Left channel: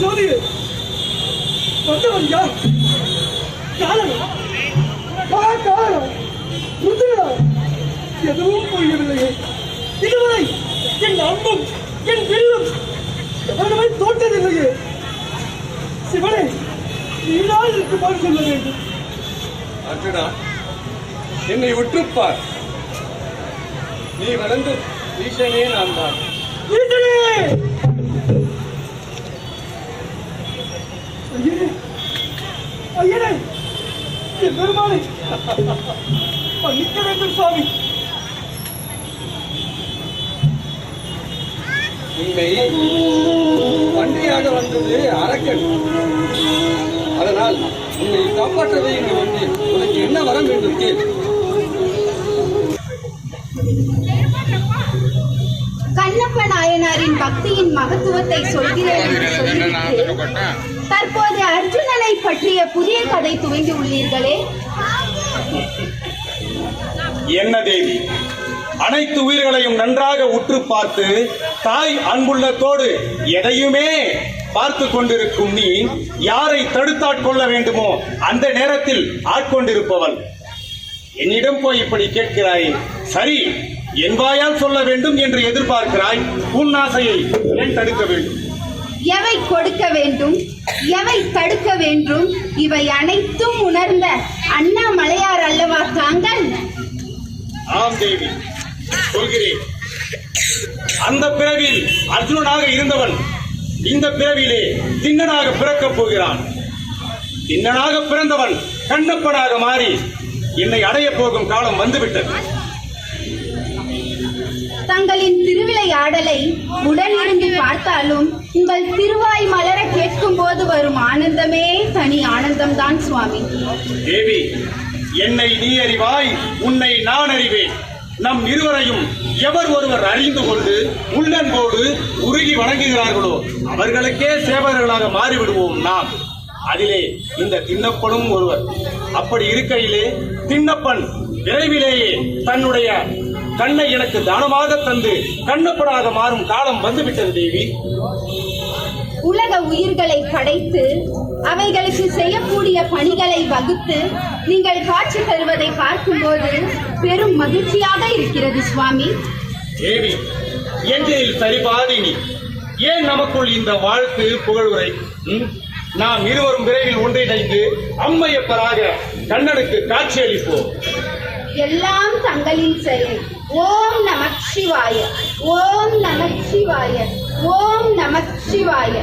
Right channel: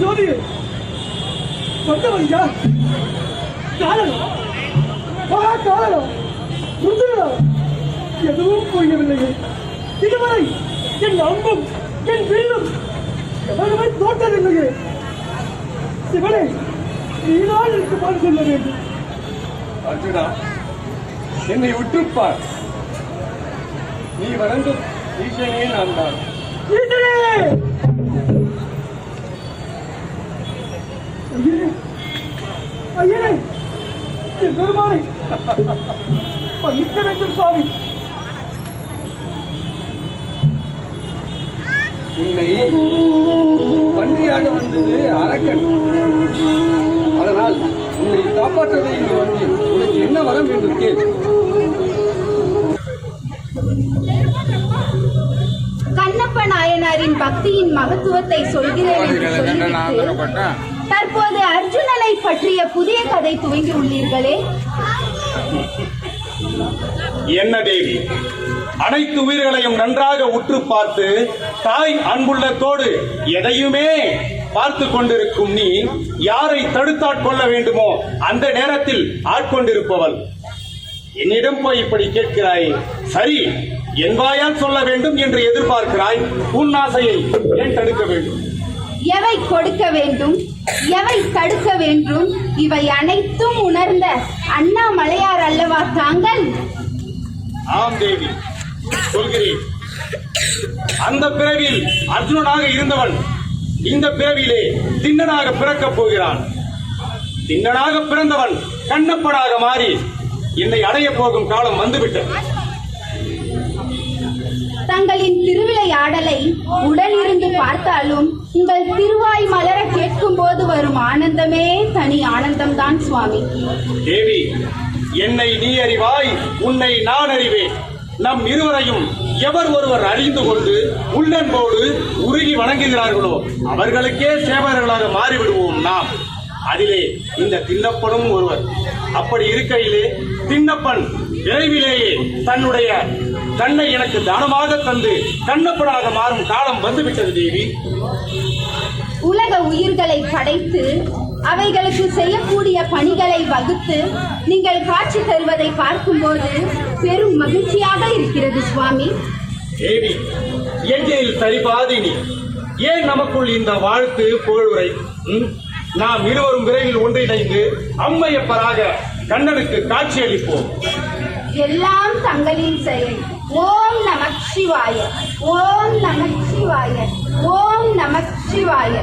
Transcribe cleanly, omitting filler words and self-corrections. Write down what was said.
ஜோதி வந்தவன் யார்? காரணம் காரணம் எதுவும் புரியவில்லையே. இதுவரை என் அம்பும் என் வில்லும் எவருமே தோற்றதில்லையே. சிவனை நீதான் இருக்குமாறு சொல்ல வேண்டும். அர்ஜுனா, என்னை உற்றுப்பார். நீ வணங்கும் ஈசனே நான் தான். ஐயனே, என் பெருமானை மன்னிக்க வேண்டும் சுவாமி. உன்னை வண்டியாக வந்தது அரக்கன். அதனால் உன்னை காப்பாற்றவே இங்கு வந்தேன். உனக்கு என்ன வரம் வேண்டும் கேள். கண்ணப்ப நாயனாரின் பக்தியின் மகத்துவத்தை சொல்கிறேன் என்று சொல்லிவிட்டு தற்போது அர்ஜுனனை பற்றிய புதிய கதை துவங்கி உள்ளீர்களே. என்ன தேவி, அனைத்து உயிர்களையும் நன்றாக உற்று பார்த்து தாய் அன்புள்ளத்தோடு எதையுமே பார்த்து கொண்டிருக்கும் நீ யாரை தடுத்தாட்கொள்ள வேண்டுமோ அந்த நேரத்தில் ஆட்கொண்டிருப்பவள் என்னிடம் போய் இப்படி கேட்கிறாய். சரி, என் வாயால் சொல்ல வேண்டும் என்று எதிர்பார்க்கிறாய். உன் ஆசையை ஏன் தடுக்க வேண்டும்? எவை கொடுக்க வேண்டும், எவை தடுக்க வேண்டும், இவை அனைத்தும் உணர்ந்த அண்ணாமலையார் அல்லவா தாங்கள்? ஆம் தேவி, சொல்கிறேன். அந்த பிறவியில் அர்ஜுனனாக இருந்தவன் இந்த பிறவியிலே திண்ணனாக பிறக்கப் போகிறான். திண்ணனாக பிறந்தவன் கண்ணப்பனாக மாறி என்னை அடைய போகும் காலம் வந்துவிட்டது. தங்களின் திருவிளையாடலை உடனிருந்து பார்த்தாலும் உங்கள் திருவாய் மலர கேட்கும் போது வரும் ஆனந்தமே தனி ஆனந்தம்தான் சுவாமி. தேவி, என்னை நீ அறிவாய், உன்னை நான் அறிவேன். நம் இருவரையும் எவர் ஒருவர் அறிந்து கொண்டு உள்ளன்போடு உருகி வணங்குகிறார்களோ அவர்களுக்கே சேவகர்களாக மாறிவிடுவோம் நாம். அதிலே இந்த திண்ணப்பனும் ஒருவர். அப்படி இருக்கையிலே திண்ணப்பன் விரைவிலேயே தன்னுடைய கண்ணை எனக்கு தானமாக தந்து கண்ணப்பனாக மாறும் காலம் வந்துவிட்டது தேவி. உலக உயிர்களை படைத்து அவைகளுக்கு செய்யக்கூடிய பணிகளை வகுத்து நீங்கள் காட்சி தருவதை பார்க்கும்போது பெரும் மகிழ்ச்சியாக இருக்கிறது சுவாமி. தேவி, எங்கில் சரிபாதி நீ. ஏன் நமக்குள் இந்த வாழ்த்து புகழுரை? நாம் இருவரும் விரைவில் ஒன்றிணைந்து அம்மையப்பராக கண்ணனுக்கு காட்சி அளிப்போம். எல்லாம் தங்களின் செயல். ஓம் நம சிவாய, ஓம் நம சிவாய, ஓம் நம சிவாய.